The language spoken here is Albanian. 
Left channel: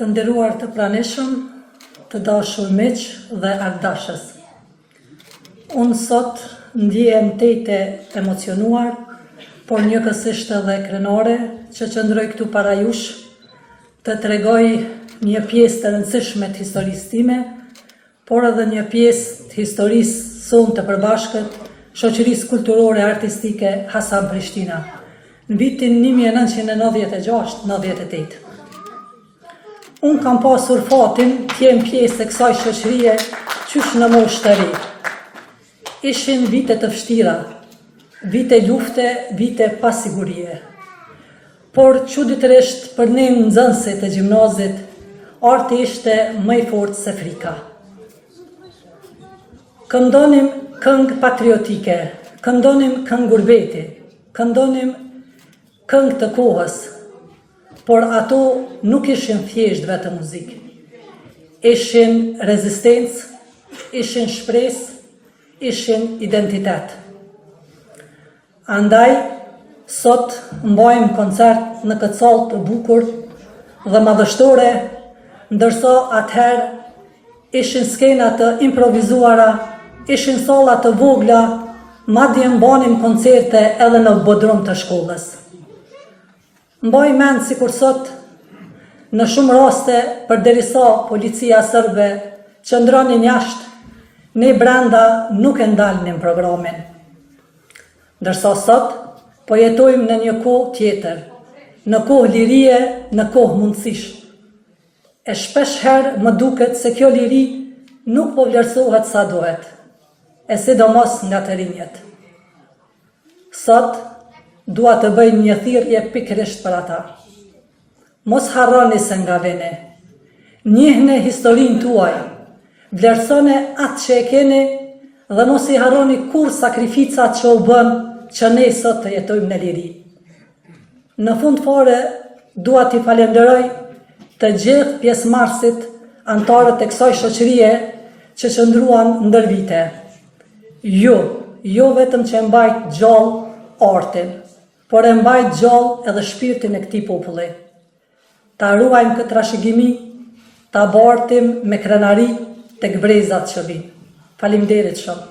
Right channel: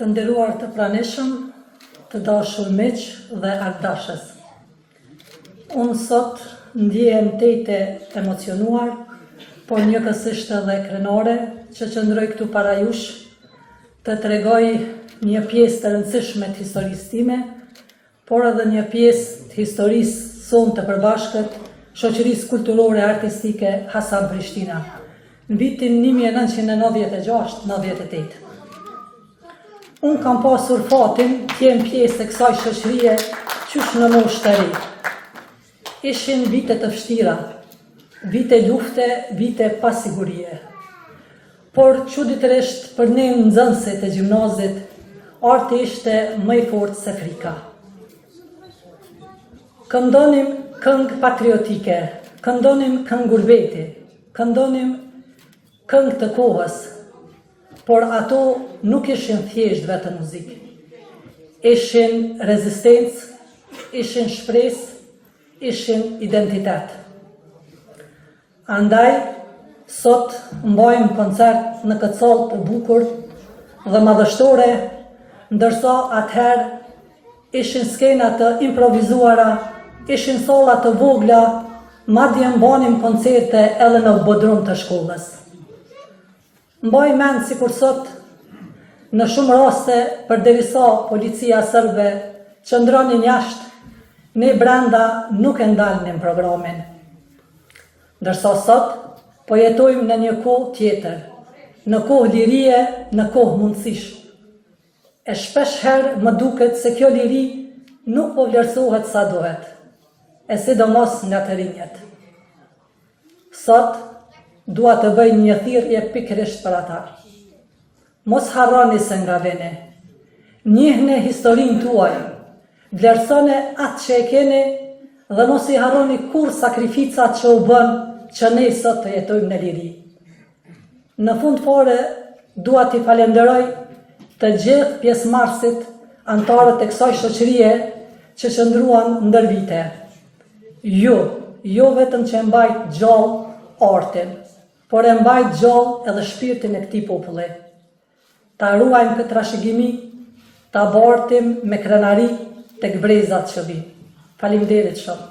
Të nderuar të pranishëm, të dashur miq dhe ardashës. Unë sot ndjehem tete emocionuar, por njëkohësisht edhe krenare që qëndroj këtu para jush të tregoj një pjesë të rëndësishme të historisë time, por edhe një pjesë të historisë sonë të përbashkët shoqërisë kulturore artistike Hasan Prishtina në vitin 1996-98. Unë kam pasur fatin të jem pjesë e kësaj shoqërie qysh në moshë të ri. Ishin vite të vështira, vite lufte, vite pasigurie. Por çuditërisht për ne nxënësit e gjimnazit, arti ishte më i fortë se frika. Këndonim këngë patriotike, këndonim këngë gurbeti, këndonim këngë të kohës, por ato nuk ishin thjesht vetëm muzikë. Ishin rezistencë, ishin shpresë, ishin identitet. Andaj, sot mbajmë koncert në këtë sallë të bukur dhe madhështore, ndërsa atëherë ishin skena të improvizuara, ishin salla të vogla, madje mbanim koncerte edhe në bodrum të shkollës. Mbaj mend sikur sot, në shumë raste, përderisa policia serbe qëndronin jashtë, ne brenda nuk e ndalnim programin. Ndërsa sot, po jetojmë në një kohë tjetër, në kohë lirie, në kohë mundësish. E shpesh herë më duket se kjo liri nuk po vlerësohet sa duhet, e sidomos nga të rinjet. Sot, dua të bëj një thirrje pikërisht për ata. Mos harroni se nga vini, njihni historinë tuaj, vlerësoni atë që e keni dhe mos i harroni kur sakrificat që u bën që ne sot të jetojmë në liri. Në fund fare, dua t'i falenderoj të gjithë pjesëmarrësit, antarët e kësaj shoqërie që qëndruan ndër vite. Jo vetëm që e mbajt gjallë artin, por e mbajt gjallë edhe shpirtin e këtij populli. Ta ruajmë këtë trashëgimi, ta bartim me krenari tek brezat që vinë. Faleminderit shumë.